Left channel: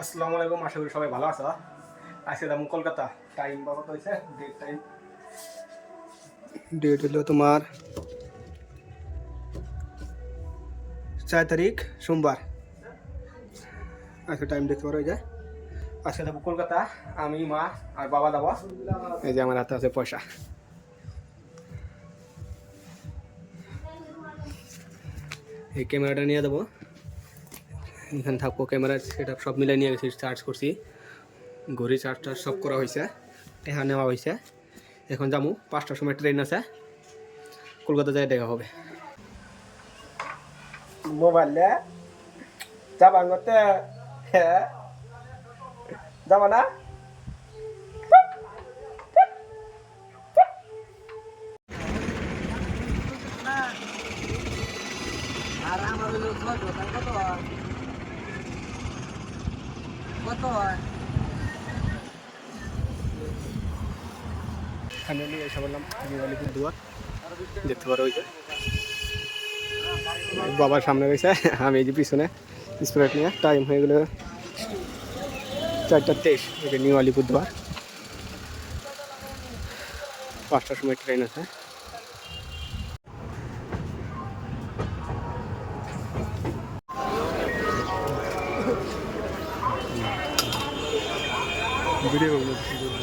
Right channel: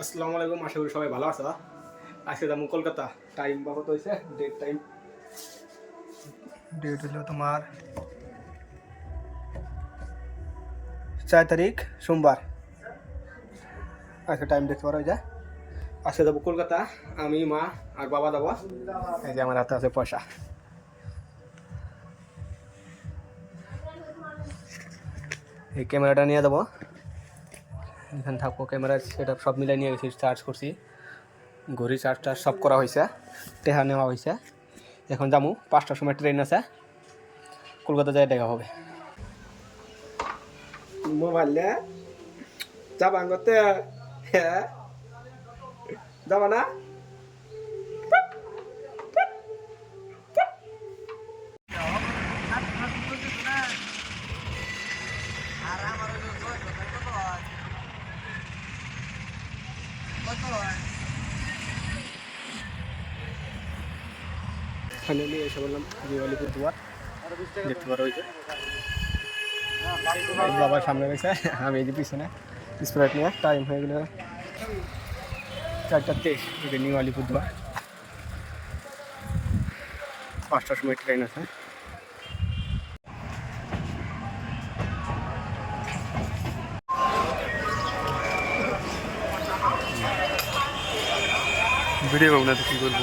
আসসালামু আলাইকুম, আশা করি সবাই ভালো আছো। আজকে যাব কলকাতা। টাইম বা কত হয়েছে ডেট টাইম ডেট হলো তোমার চার তারিখ, সোমবার। আচ্ছা টাইম দেখতে পারো যে। আজকে যাব কলকাতা। আমি, মা আর বাবা যাব। এই যে আমার হাতে আছে পয়সা। এই ক্যামেরাটা নিয়ে যাব। এখানে থাকব ক্যামেরা সেটা সব মিলে নিয়ে গেছি চার্জ করছি। ঘড়ি চার্জ টার্জ সব করা হয়েছে টেহা নেওয়া হয়েছে। এখন যাব পাঁচটার সময় ট্রেন আছে কলকাতা যায় দেখা হবে। মোবাইল যাবা করতে হ্যাঁ যাবা না? আর আমার কত ফাইনালি এসে বললাম দিওয়ালিপুর দুয়ার। দেখতে পারো ওই যে। বাবার সামনে রয়েছে। আমি এই যে পিছনে স্প্রাইট নিয়ে টাইম হয়ে গেল চারটা তেইশ। ওই নিউ আলিপুর দুয়ার। পাঁচটার সময় ট্রেন আছে। ভিডিও বাবু না কি করব।